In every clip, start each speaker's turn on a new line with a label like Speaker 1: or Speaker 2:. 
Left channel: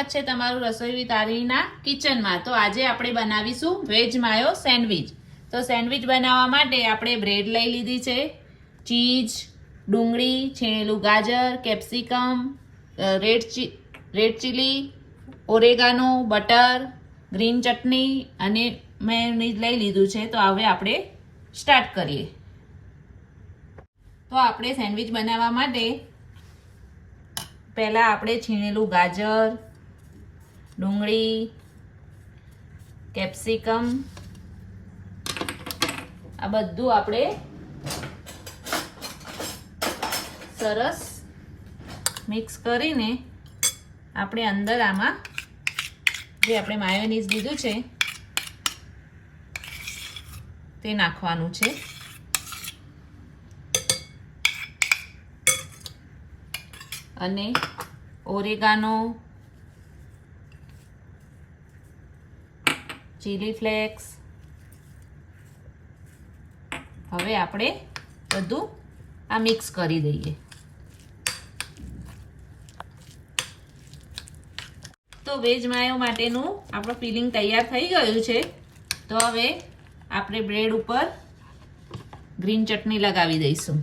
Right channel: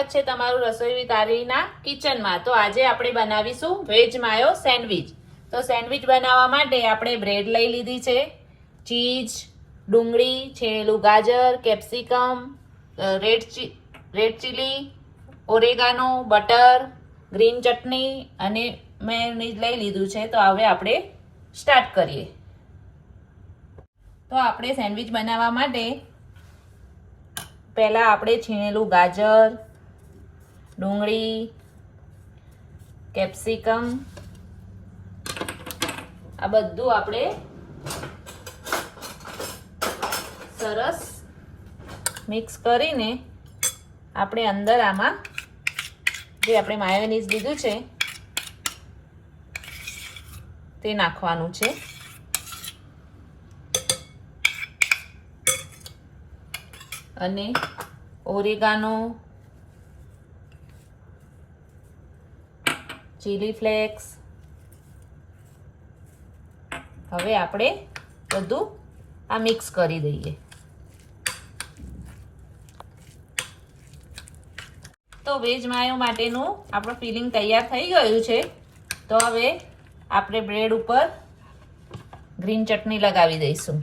Speaker 1: સ્વાગત છે તમારું રસોઈ વિથ આરીના કિચનમાં. તો આજે આપણે બનાવીશું વેજ માયો સેન્ડવિચ. તો સેન્ડવિચ બનાવવા માટે આપણે બ્રેડ લઈ લીધી છે, ચીઝ, ડુંગળી છીણેલું ગાજર, capsicum red chi, red chilli, oregano, butter, green chutney અને મેયોનીઝ લઈ લીધું છે. તો હવે આપણે સ્ટાર્ટ કરીએ. તો આપણે સેન્ડવિચ બનાવવા માટે પહેલાં આપણે છીણેલું ગાજર ડુંગળી, કેપ્સિકમ, આ બધું આપણે સરસ મિક્સ કરીને આપણે અંદર આમાં જે આપણે માયોનીઝ લીધું છે, તે નાખવાનું છે. અને ઓરેગાનો ચીલી ફ્લેક્સ હવે આપણે બધું આ મિક્સ કરી દઈએ. તો વેજ માયો માટેનું આપણું ફિલિંગ તૈયાર થઈ ગયું છે. તો હવે આપણે બ્રેડ ઉપર ગ્રીન ચટણી લગાવી દઈશું.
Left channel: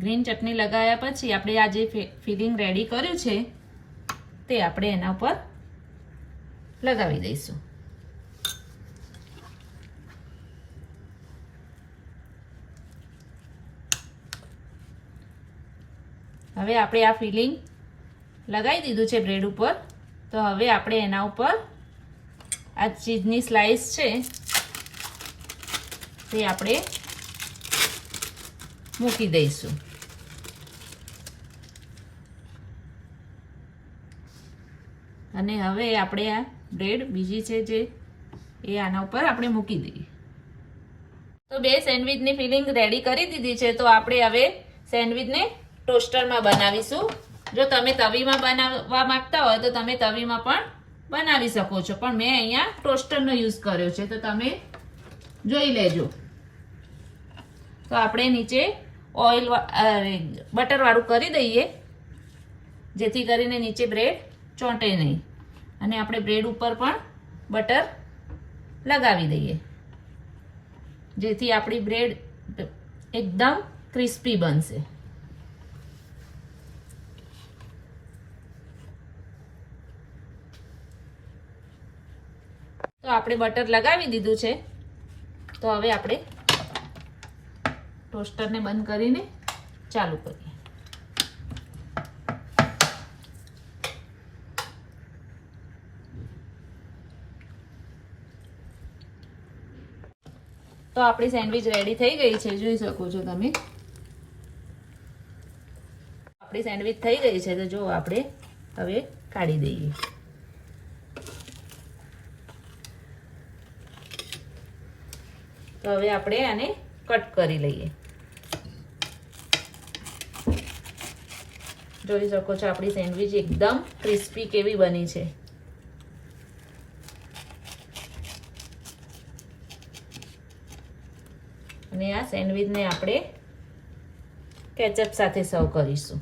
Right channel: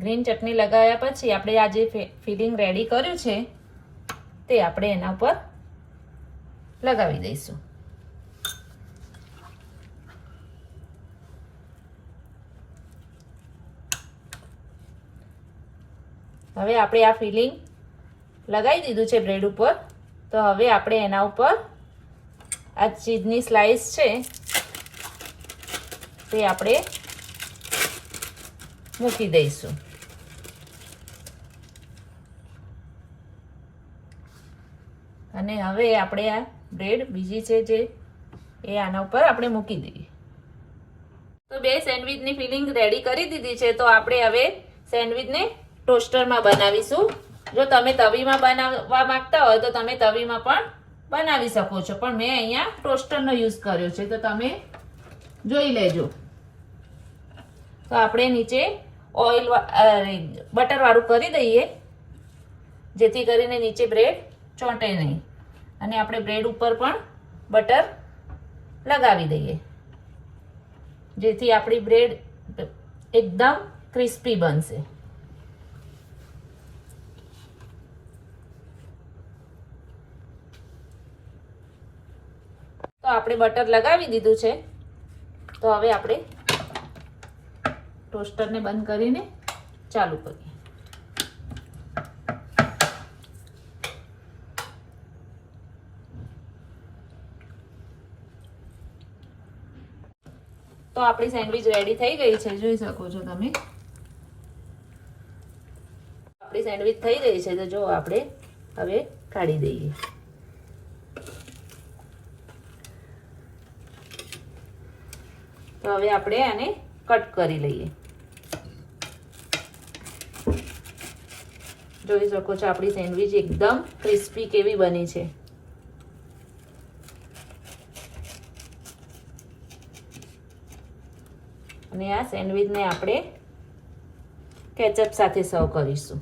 Speaker 1: ગ્રીન ચટણી લગાવ્યા પછી આપણે આ જે ફિલિંગ રેડી કર્યું છે, તે આપણે એના ઉપર લગાવી દઈશું. હવે આપણે આ ફિલિંગ લગાવી દીધું છે બ્રેડ ઉપર. તો હવે આપણે એના ઉપર આ ચીઝની સ્લાઈસ છે, તે આપણે મૂકી દઈશું. અને હવે આપણે આ બ્રેડ બીજી છે જે એ આના ઉપર આપણે મૂકી દઈએ. તો બે સેન્ડવિચની ફિલિંગ રેડી કરી દીધી છે, તો આપણે હવે સેન્ડવિચને ટોસ્ટરમાં બનાવીશું. જો તમે તવીમાં બનાવવા માંગતા હોય તો તમે તવીમાં પણ બનાવી શકો છો. પણ મેં અહીંયા ટોસ્ટરનો યુઝ કર્યો છે, તો તમે જોઈ લેજો. તો આપણે નીચે ઓઇલ બટરવાળું કરી દઈએ, જેથી કરીને નીચે બ્રેડ ચોંટે નહીં. અને આપણે બ્રેડ ઉપર પણ બટર લગાવી દઈએ. જેથી આપણી બ્રેડ એકદમ ક્રિસ્પી બનશે. તો આપણે બટર લગાવી દીધું છે. તો હવે આપણે ટોસ્ટરને બંધ કરીને ચાલુ કરીએ. તો આપણી સેન્ડવિચ રેડી થઈ ગઈ છે, જોઈ શકો છો તમે. આપણી સેન્ડવિચ થઈ ગઈ છે, તો જો આપણે હવે કાઢી દઈએ. તો હવે આપણે આને કટ કરી લઈએ. જોઈ શકો છો, આપણી સેન્ડવિચ એકદમ ક્રિસ્પી કેવી બની છે. અને આ સેન્ડવિચને આપણે કેચઅપ સાથે સર્વ કરીશું.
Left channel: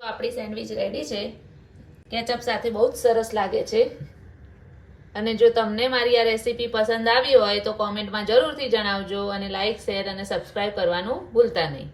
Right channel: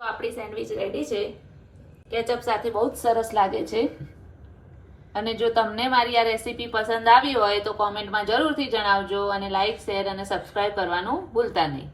Speaker 1: આપણી સેન્ડવિચ રેડી છે. કેચઅપ સાથે બહુ જ સરસ લાગે છે. અને જો તમને મારી આ રેસીપી પસંદ આવી હોય તો કોમેન્ટમાં જરૂરથી જણાવજો અને લાઇક શેર અને સબસ્ક્રાઇબ કરવાનું ભૂલતા નહીં.